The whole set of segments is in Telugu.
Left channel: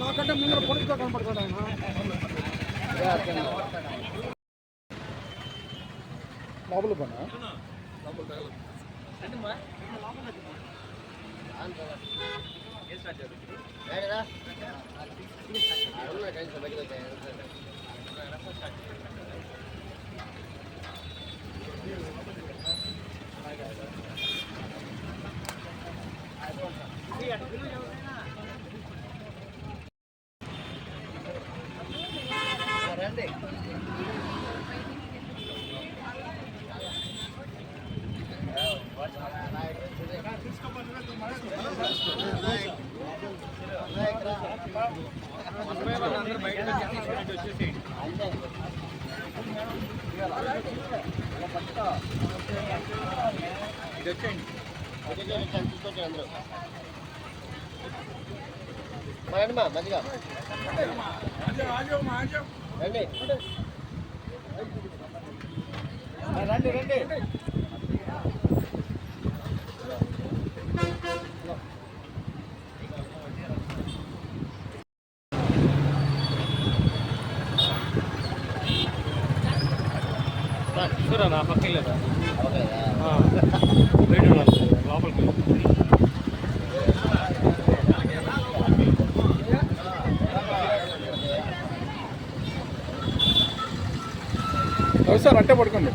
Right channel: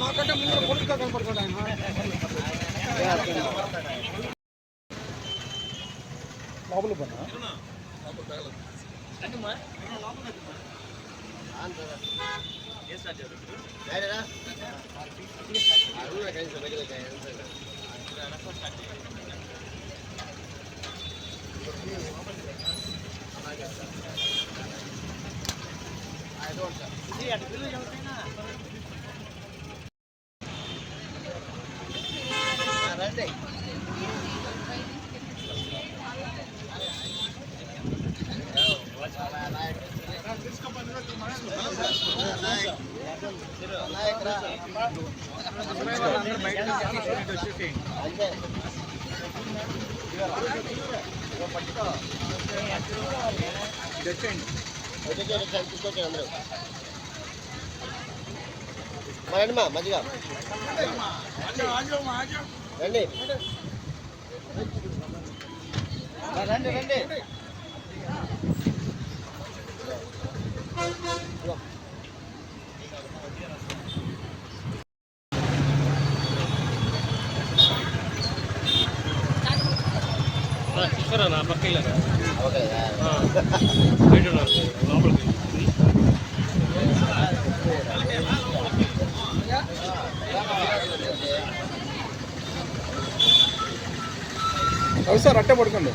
మాకంటే ముందు పొడుగుతో కనపడుతున్నాం. లోపల పన్నా రండి. మంచిగా రండి రండి రండి. సార్ అట్టే పడుకోండి.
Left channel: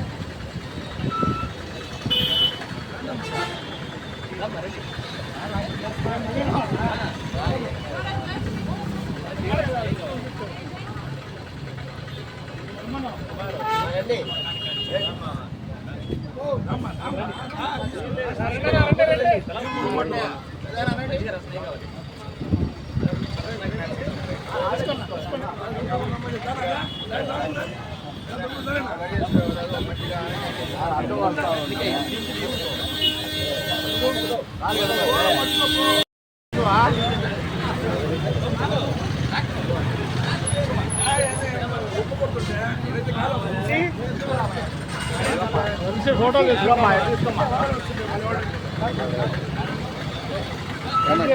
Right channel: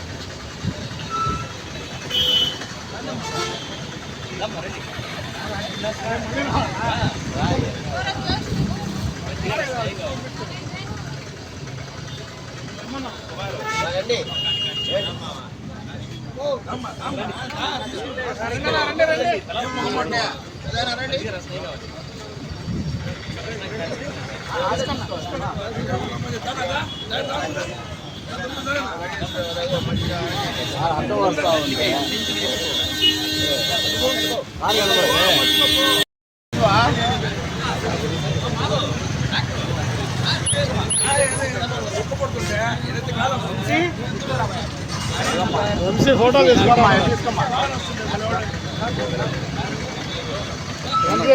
ఫోటో తీసుకోమ్మా,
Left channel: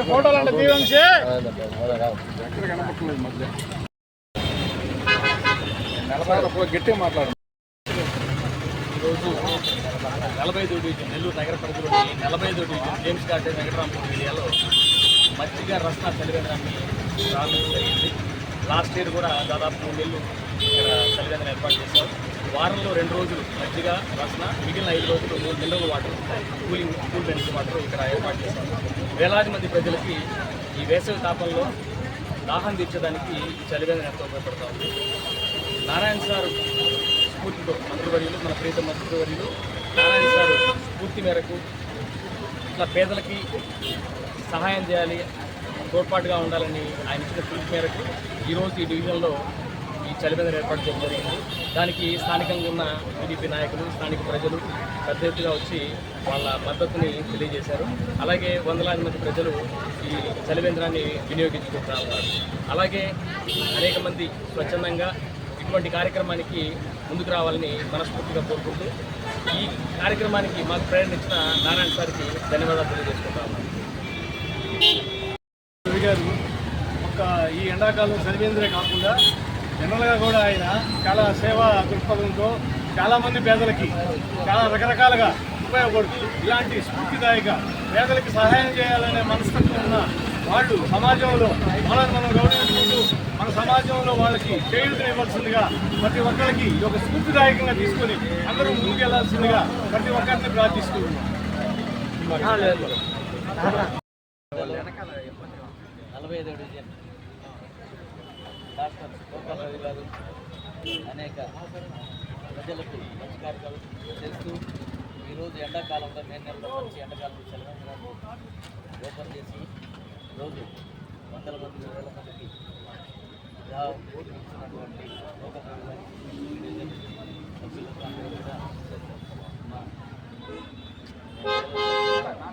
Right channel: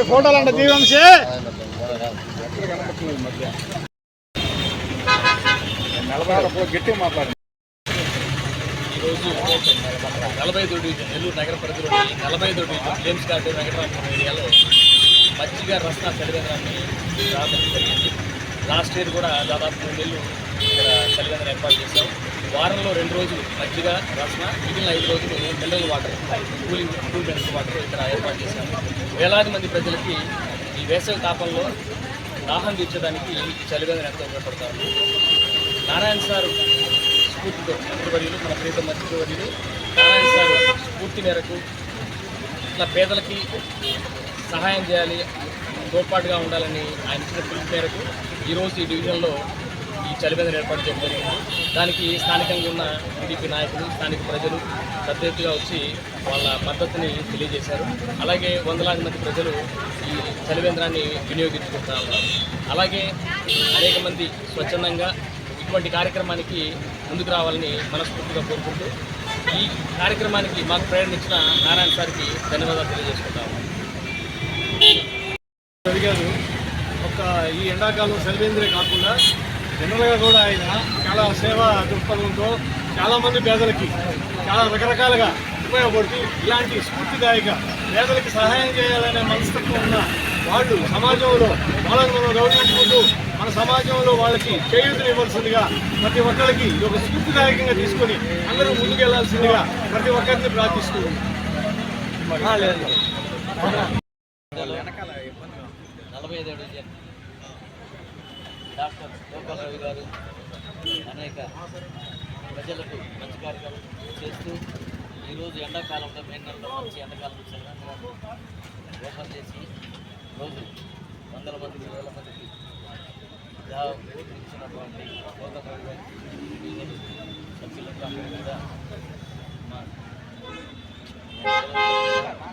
ఫోటోలు అంటే దీవంశే ఎక్కడ కనపట్లేదు మధ్య గట్టిగా మాట్లాడండి. ఈరోజు 45వ డివిజన్ నెల్లూరు నగర పరిధిలోని 45వ డివిజన్ జేమ్స్ గార్డెన్ వెంకటరామపురం ఏరియాలో మజ్జిగ రస్నా చలివేంద్రాన్ని ప్రారంభించడం జరిగింది. లాస్ట్ ఇయర్ కూడా దాదాపు 3 నెలలు ఇక్కడ చలివేంద్రం ఏర్పాటు చేశాం. వారంలో 2 రోజులు మజ్జిగ రస్నా, మిగిలిన 5 రోజులు mineral water, cool drinks water ఇక్కడ ఏర్పాటు చేశాము. వేలాది మంది ప్రజలకి ఈ వేసవి తాపంలో దాహం తీర్చడానికి ఈ చలివేంద్రం ఎంతో ఉపయోగపడతా ఉంది. నారాయణ సార్ స్ఫూర్తితో మంత్రివర్యులు, మన ప్రీతం మంత్రివర్యులు నారాయణ సార్ స్ఫూర్తి మేరకు ఇట్లా పేదలకి సహాయం చేయాలి, తోడ్పాటుగా ఉండాలని ఆయన ఇచ్చిన పిలుపు మేరకు ఈరోజు ఈ డివిజన్లో ఈ చలివేంద్రం ఏర్పాటు చేయడం జరిగింది. దానికి స్థానికంగా ఉన్న టీడీపీ నాయకులు, స్థానిక ప్రజలు పెద్ద ఎత్తుగా వచ్చి వాళ్ళ మద్దతుని తెలియజేశారు. అలాగే వందలాది మంది ప్రజలు ఈ చలివేంద్రాన్ని వినియోగించుకుంటూ ఉన్నారు. అలాగే అనేక మంది స్వచ్ఛందంగా ఇటువంటి కార్యక్రమానికి ముందుకు రావాలని మనస్ఫూర్తిగా కోరుకుంటూ ఈ కార్యక్రమానికి మాకు ప్రేరణ ఇచ్చిన నారాయణ సార్కి ధన్యవాదాలు తెలియజేసుకుంటా ఉన్నాను. అడిగారు ఒక ఈ ఎండాకాలం చలివేంద్రే కాకుండా జనరల్గా కూడా ఆయన చాలా సేవా దృక్పథంతో చాలామంది పేదలకి చాలా రకరకాలుగా ఉపయోగపడుతూ ఇలాంటి స్ఫూర్తిదాయక పేదలకి సహాయం చేయాలనే మనస్తత్వం ఉన్న వాళ్ళు సమాజంలో మనం గౌరవించుకుంటూ మన సమాజంలో వాళ్ళకి చేయూతను ఇవ్వాల్సిందిగా ప్రతి ఒక్కరికి ఒక స్ఫూర్తిదాయకంగా తీసుకొని అందరూ ముందుకెళ్లాల్సిందిగా ప్రతి ఒక్కరిని ప్రార్థిస్తూ ఉన్నాం. 45వ డివిజన్ డాక్టర్ గోపాల్ రవి గారు అనేక ప్రజలకు మంచి కార్యక్రమాలు చేస్తూ ఈరోజు ఎండాకాలంలో మే నెలలో మంచి ఎండాకాలంలో చలివేంద్రాన్ని ఓపెన్ చేసి రోజు వందల మందికి, వేల మందికి ఇచ్చినటువంటి గోపాల్ రవి గారి డివిజన్ సభ్యులకు అందరూ కూడా మా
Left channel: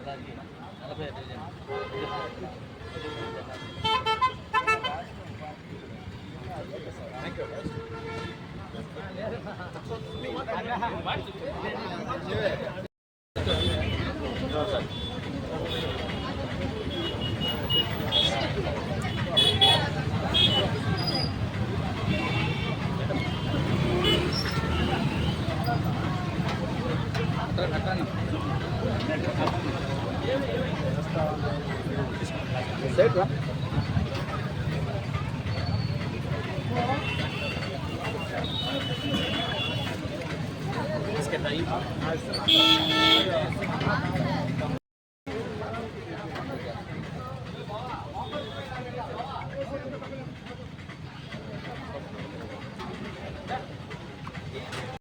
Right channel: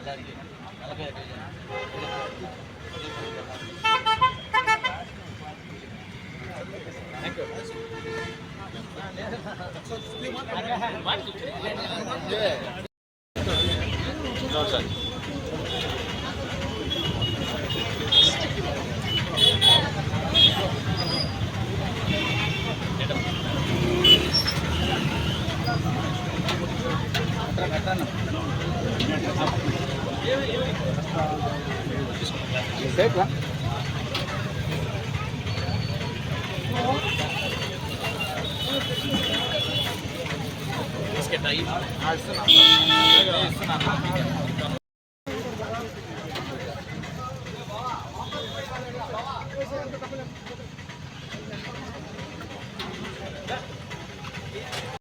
అలాగే బిస్కెట్ అయ్యి